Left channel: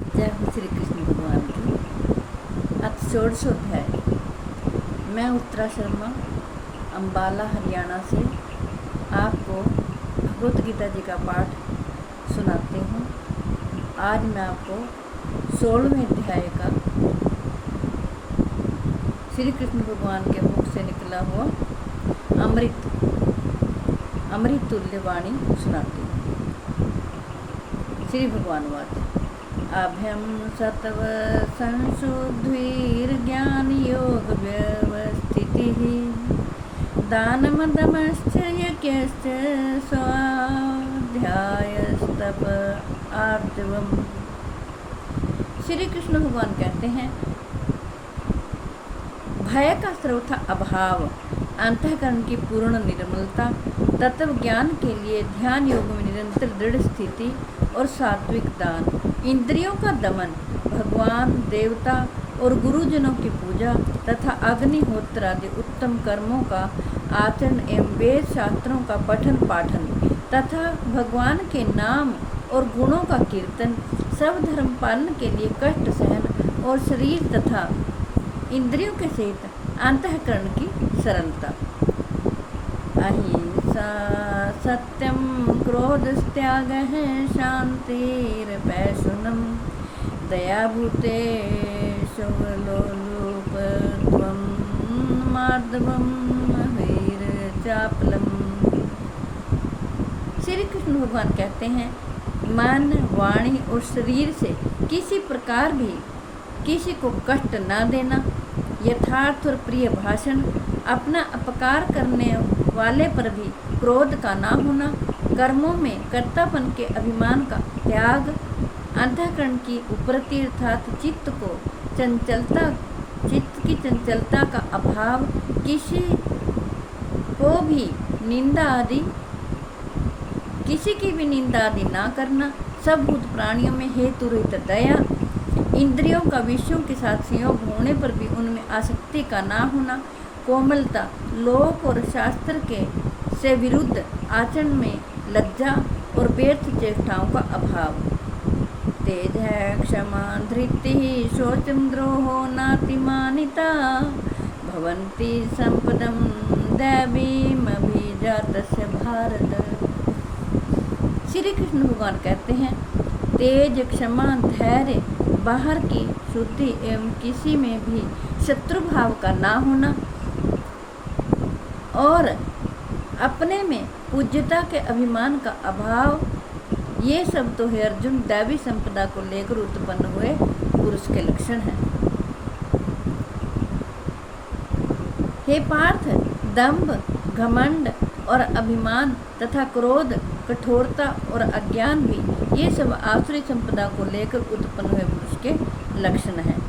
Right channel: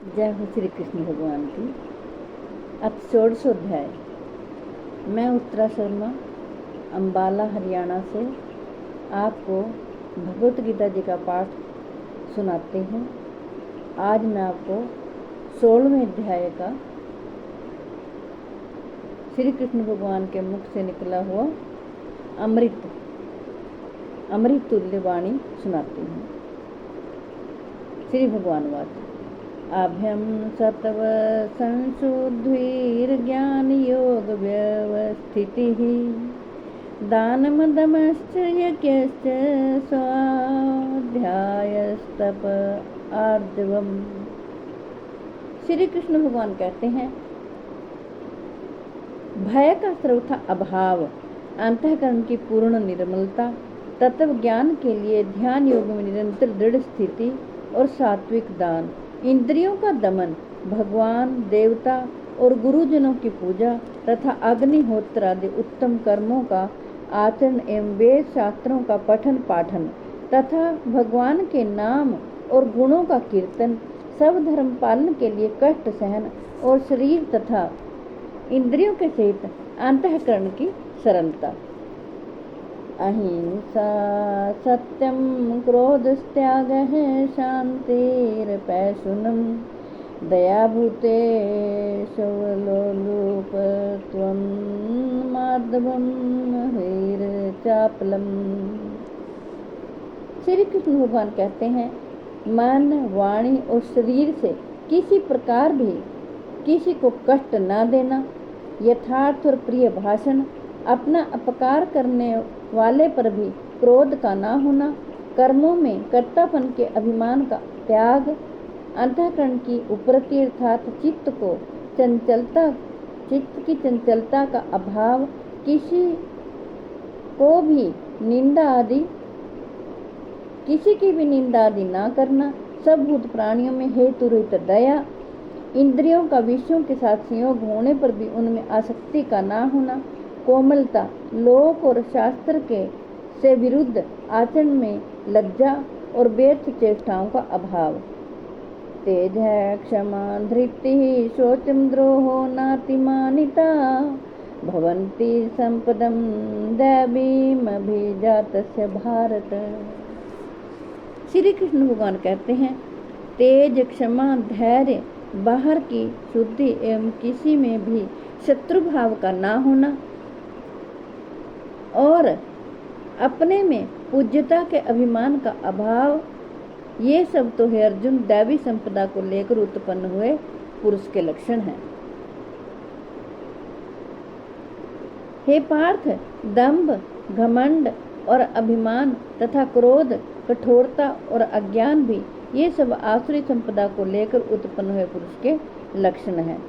जय हो श्री कृष्ण भगवान की। अथ षोडशोध्याय। मैं उत्तरा शर्मा अम्बाला हरियाणा से आपको भगवत गीता जी का पाठ सुनाती हूँ। आज मैं आपको 16वें अध्याय का श्री कृष्ण भगवान के मुख से निकला हुआ अमृत तुल्य वाणी सुनाती हूँ। श्री भगवान वाच अभ्यम सत्व संशुद्धिर्ज्ञान योग व्यवस्थितिः दानमदमश्च यज्ञश्च स्वाध्यायस्तप आर्जवम्। श्री कृष्ण भगवान कहते हैं, भय का सर्वथा अभाव, अंतःकरण की पूर्ण निर्मलता, तत्व ज्ञान के लिए ध्यान योग में निरंतर दृढ़ स्थिति और सात्विक दान, इंद्रियों का दमन, भगवान देवता और गुरुजनों की पूजा तथा अग्निहोत्र आदि उत्तम कर्मों का आचरण एवं वेद शास्त्रों का पठन पाठन तथा भगवान के नाम और गुणों का कीर्तन, सब धर्म पालन के लिए कष्ट सहन और शरीर तथा इंद्रियों के सहित अंतःकरण की सरलता। अहिंसा सत्यम क्रोधस्त्यागः शान्तिरपैशुनम् दयाभूतेष्वलोलुपत्वं मार्दवं हरिर्चापलम्। श्री कृष्ण भगवान कहते हैं, मन वाणी और शरीर से किसी प्रकार भी किसी को कष्ट न देना, यथार्थ और प्रिय भाषण, अपना अपकार करने वाले पर भी क्रोध का ना होना, कर्मों में कर्तापन के अभिमान का त्याग, अंतःकरण की उपरति अर्थात चित्त की चंचलता का अभाव, किसी की भी निंदा आदि ना करना, सब भूत प्राणियों में हेतु रहित दया, इंद्रियों का विषयों के साथ संयोग होने पर भी उनमें आसक्ति का ना होना, कोमलता, लोक और शास्त्र के से विरुद्ध आचरण में लज्जा और व्यर्थ चेष्टाओं का अभाव, तेज है क्षमा धृति शोचम द्रोहो नातिमानिता भवन्ति संपदम दैवीम अभिजातस्य भारत। श्री कृष्ण भगवान कहते हैं, तेज क्षमा धैर्य, बाहर की शुद्धि एवं किसी में भी शत्रु भाव का ना होना और अपने में पूज्यता के अभिमान का अभाव, ये सब तो है अर्जुन दैवी संपदा को लेकर उत्पन्न हुए पुरुष के लक्षण हैं। हे पार्थ, दंभ, घमंड और अभिमान तथा क्रोध, कठोरता और अज्ञान भी ये सब आसुरी संपदा को लेकर उत्पन्न हुए पुरुष के लक्षण हैं।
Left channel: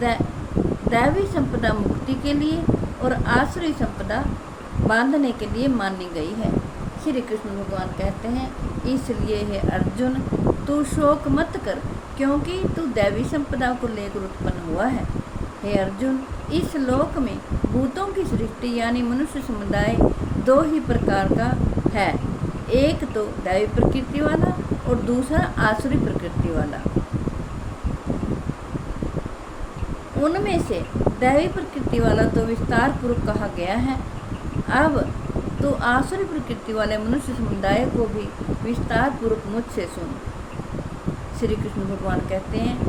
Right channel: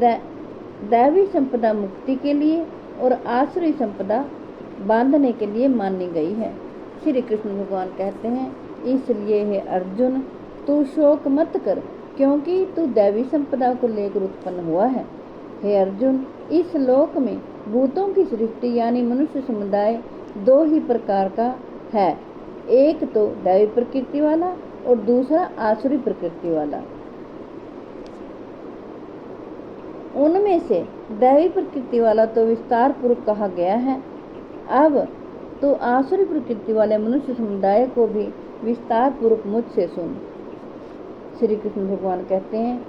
दैवी संपदा मुक्ति के लिए और आसुरी संपदा बांधने के लिए मानी गई है। श्री कृष्ण भगवान कहते हैं, इसलिए हे अर्जुन, तू शोक मत कर, क्योंकि तू दैवी संपदा को लेकर उत्पन्न हुआ है। हे अर्जुन, इस लोक में भूतों की सृष्टि यानी मनुष्य समुदाय दो ही प्रकार का है, एक तो दैवी प्रकृति वाला और दूसरा आसुरी प्रकृति वाला। उनमें से दैवी प्रकृति वाला तो विस्तार पूर्वक कहा गया है। अब तो आसुरी प्रकृति वाले मनुष्य समुदाय को भी विस्तार पूर्वक मुझसे सुन। श्री कृष्ण भगवान कहते हैं,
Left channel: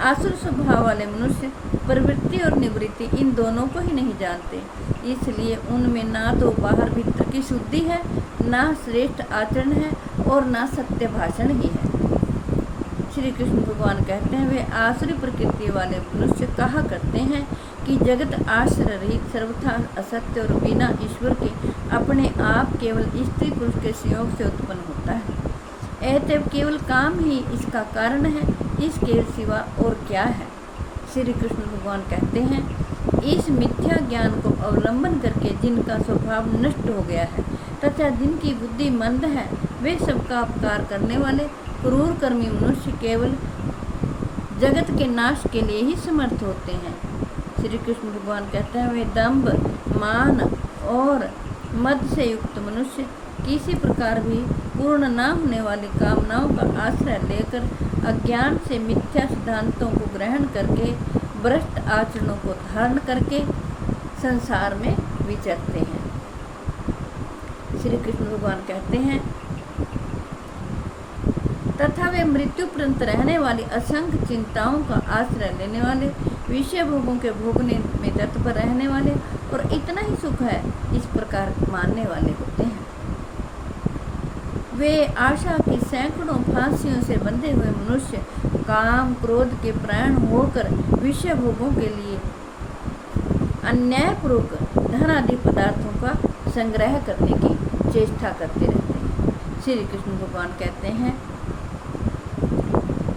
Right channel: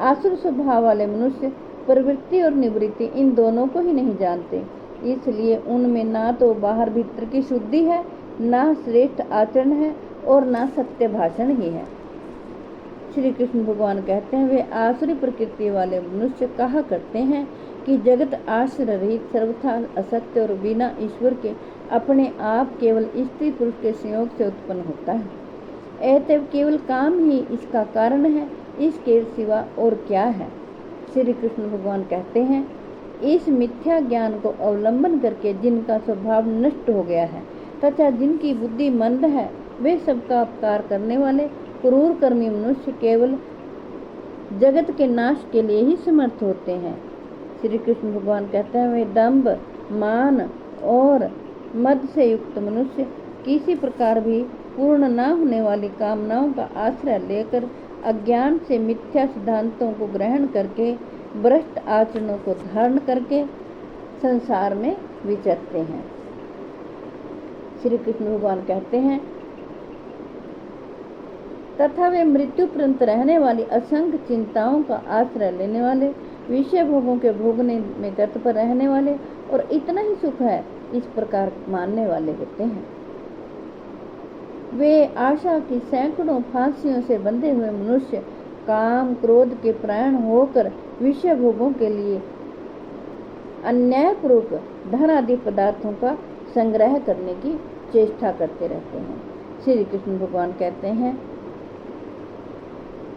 आसुर स्वभाव वाले मनुष्य प्रवृत्ति और निवृत्ति इन दोनों को ही नहीं जानते, इसलिए उनमें ना तो बाहर भीतर की शुद्धि है, ना श्रेष्ठ आचरण है और ना सत्य भाषण ही है। श्री कृष्ण भगवान कहते हैं, वे आसुरी प्रकृति वाले मनुष्य कहा करते हैं कि जगत आश्रय रहित सर्वथा असत्य और बिना ईश्वर के अपने आप केवल स्त्री पुरुष के संयोग से उत्पन्न होता है। अतएव केवल काम ही इसका कारण है, इसके सिवा और क्या है। श्री कृष्ण भगवान कहते हैं, इस मिथ्या ज्ञान को अवलंबन करके जिनका स्वभाव नष्ट हो गया है तथा जिनकी बुद्धि मंद है, वे सबका अपकार करने वाले क्रूर कर्मी मनुष्य केवल जगत के नाश के लिए ही समर्थ होते हैं। श्री कृष्ण भगवान कहते हैं, वे दंभ, मान और मद से युक्त मनुष्य किसी प्रकार भी पूर्ण न होने वाली कामनाओं का आश्रय लेकर अज्ञान से मिथ्या सिद्धांतों को ग्रहण करके भ्रष्ट आचरणों को धारण करके संसार में विचरते हैं। श्री कृष्ण भगवान कहते हैं, तथा वे मृत्यु पर्यंत रहने वाली असंख्य चिंताओं का आश्रय लेने वाले, विषय भोगों के भोगने में तत्पर रहने वाले और इतना ही सुख है इस प्रकार मानने वाले होते हैं। वे आशा की सैकड़ों फांसियों से बंधे हुए मनुष्य काम क्रोध के प्राण होकर विषय भोगों के लिए अन्यायपूर्वक धन आदि पदार्थों का संग्रह करने की चेष्टा करते रहते हैं। श्री कृष्ण भगवान कहते हैं,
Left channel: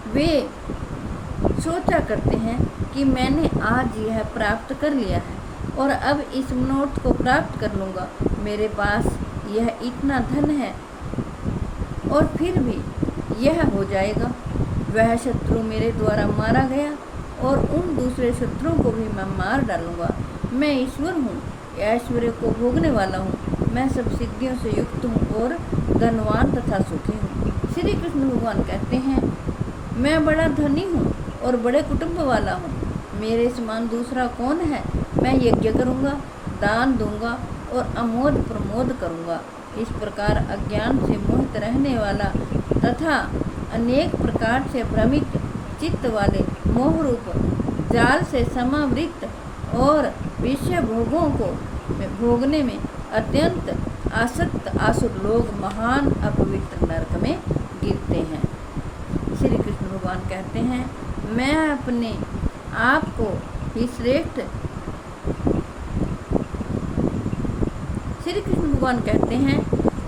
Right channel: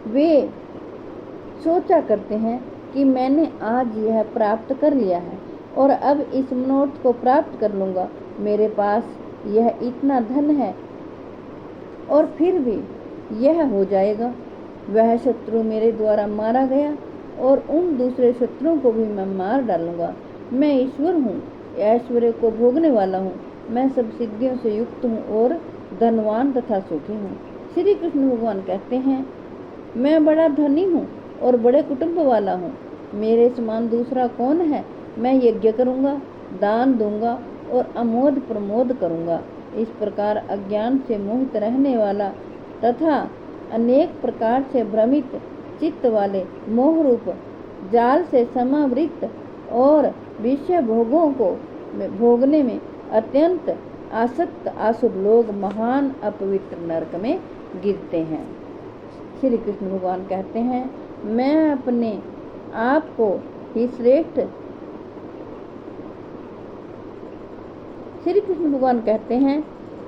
वे सोचा करते हैं कि मैंने आज यह प्राप्त कर लिया है और अब इस मनोरथ को प्राप्त कर लूँगा। मेरे पास यह इतना धन है और फिर भी यह हो जाएगा। वह शत्रु मेरे द्वारा मारा गया और उन दूसरे शत्रुओं को भी मैं मार डालूँगा। मैं ईश्वर हूँ, ऐश्वर्य को भोगने वाला हूँ, मैं सब सिद्धियों से युक्त हूँ और धनवान तथा सुखी हूँ। श्री कृष्ण भगवान कहते हैं, मैं बड़ा धनी हूँ और बड़े कुटुंब वाला हूँ। मेरे समान दूसरा कौन है? मैं यज्ञ करूँगा, दान दूंगा और अमोद प्रमोद करूँगा। इस प्रकार अज्ञान से मोहित रहने वाला तथा अनेक प्रकार से भ्रमित चित्त वाले मोह रूप जाल से समावृत और विषय भोगों को भोगने में अत्यंत आसक्त आसुर लोग महान अपवित्र नरक में गिरते हैं। श्री कृष्ण भगवान कहते हैं, मैं अपने आप को ही श्रेष्ठ श्री कृष्ण भगवान कहते हैं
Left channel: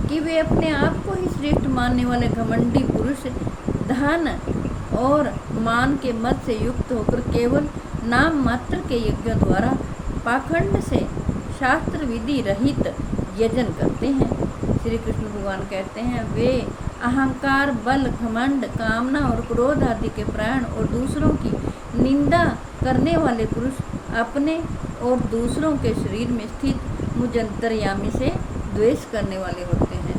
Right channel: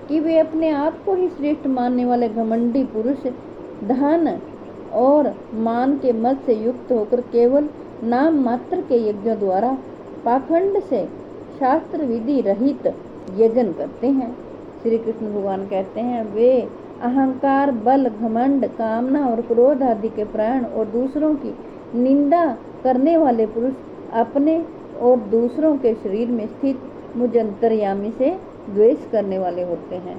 कि वे अपने आप को ही श्रेष्ठ मानने वाले घमंडी पुरुष धन और मान के मत से युक्त होकर केवल नाम मात्र के यज्ञ द्वारा पाखंड से शास्त्र विधि रहित यजन करते हैं। श्री कृष्ण भगवान कहते हैं, वे अहंकार, बल, घमंड, कामना और क्रोध आदि के प्राण और दूसरों की निंदा करने वाले पुरुष अपने और दूसरों के शरीर में स्थित मुझ अंतर्यामी से द्वेष करने वाले होते हैं।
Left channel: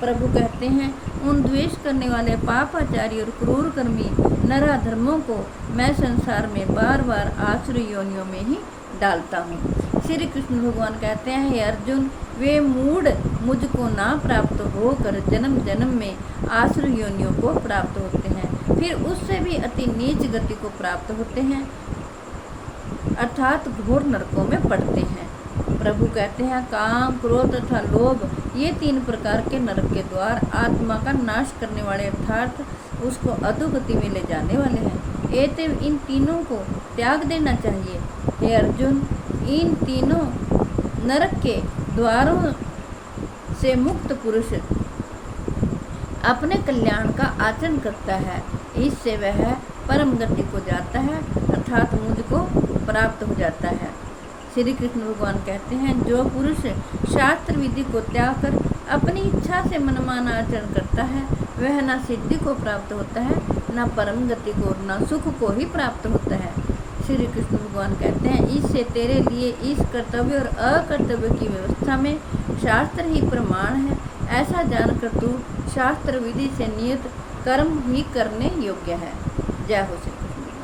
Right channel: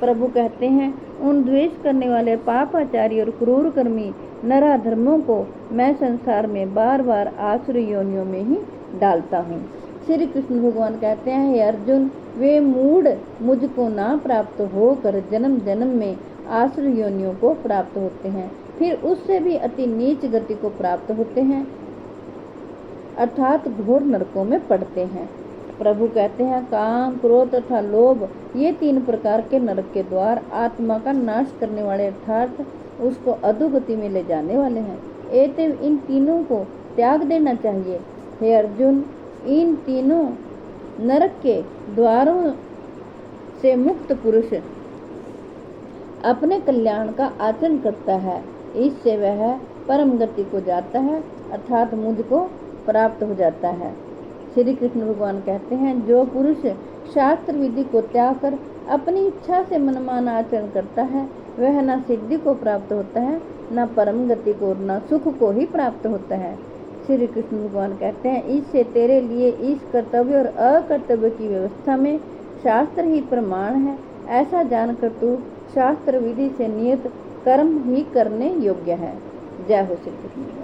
प्रभु कहते हैं, उन द्वेष करने वाले पापाचारी और क्रूर कर्मी नराधर्मों को मैं संसार में बार बार आसुर योनियों में ही डालता हूँ। श्री कृष्ण भगवान कहते हैं, हे अर्जुन, वे मूढ़ मुझको ना प्राप्त होकर जन्म जन्म में आसुर योनियों को प्राप्त होते हैं, फिर उससे भी अति नीच गति को प्राप्त होते हैं, अर्थात घोर नरकों में पड़ते हैं। प्रभु कहते हैं, काम, क्रोध तथा लोभ ये तीन प्रकार के नरक के द्वार आत्मा का नाश करने वाले अर्थात उसको अधोगति में ले जाने वाले हैं। एतव इन तीनों को त्याग देना चाहिए। हे अर्जुन, इन तीनों नरक के द्वारों से मुक्त पुरुष अपने कल्याण का आचरण करता है, इससे वह परम गति को जाता है अर्थात मुझको प्राप्त हो जाता है। श्री कृष्ण भगवान कहते हैं, जो पुरुष शास्त्र विधि को त्याग कर अपनी इच्छा से मनमाना आचरण करता है, वह न सिद्धि को प्राप्त होता है, न परम गति को, न सुख को ही प्राप्त होता है। श्री कृष्ण भगवान कहते हैं, इससे तेरे लिए इस कर्तव्य और अकर्तव्य की व्यवस्था में शास्त्र ही प्रमाण है। ऐसा जानकर तू शास्त्र विधि से नियत कर्म ही करने योग्य है। जय हो श्री कृष्ण भगवान।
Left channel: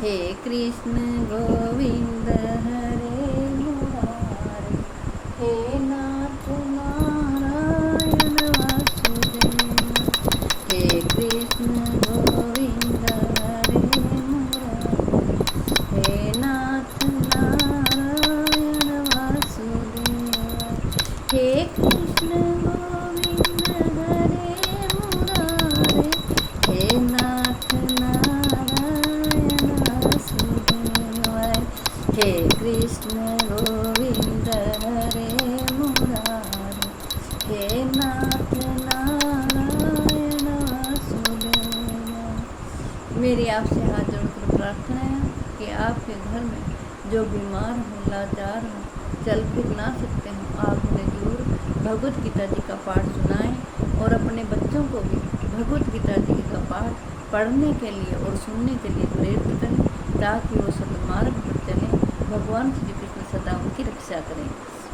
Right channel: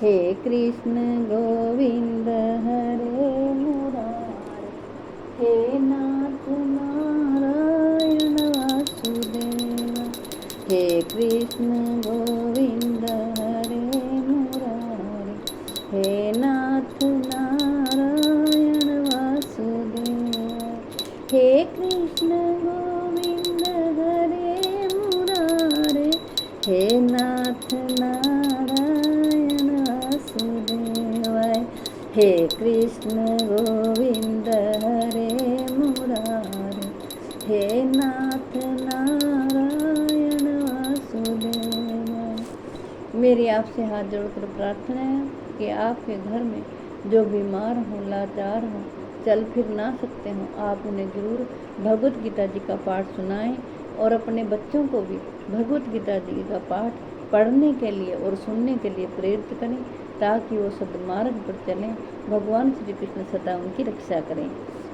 हे कृष्ण गोविंद हरे मुरारे, हे नाथ नारायण वासुदेव। हे कृष्ण गोविंद हरे मुरारे, हे नाथ नारायण वासुदेव। हे कृष्ण गोविंद हरे मुरारे, हे नाथ नारायण वासुदेव। हे कृष्ण गोविंद हरे मुरारे, हे नाथ नारायण वासुदेव। मेरी आपसे हाथ जोड़कर प्रार्थना है कि आपके घर में जो बीमार हो, लाचार हो, चल फिर ना सकते हो, आप उन्हें जरूर भगवत गीता जी का पाठ सुनाएं और अपने बच्चों को भी भगवत गीता जी का पाठ पढ़ने के लिए और सुनने के लिए प्रेरित करें ताकि वो सतमार्ग पर चलें। भगवान श्री कृष्ण सदा उनकी रक्षा करें।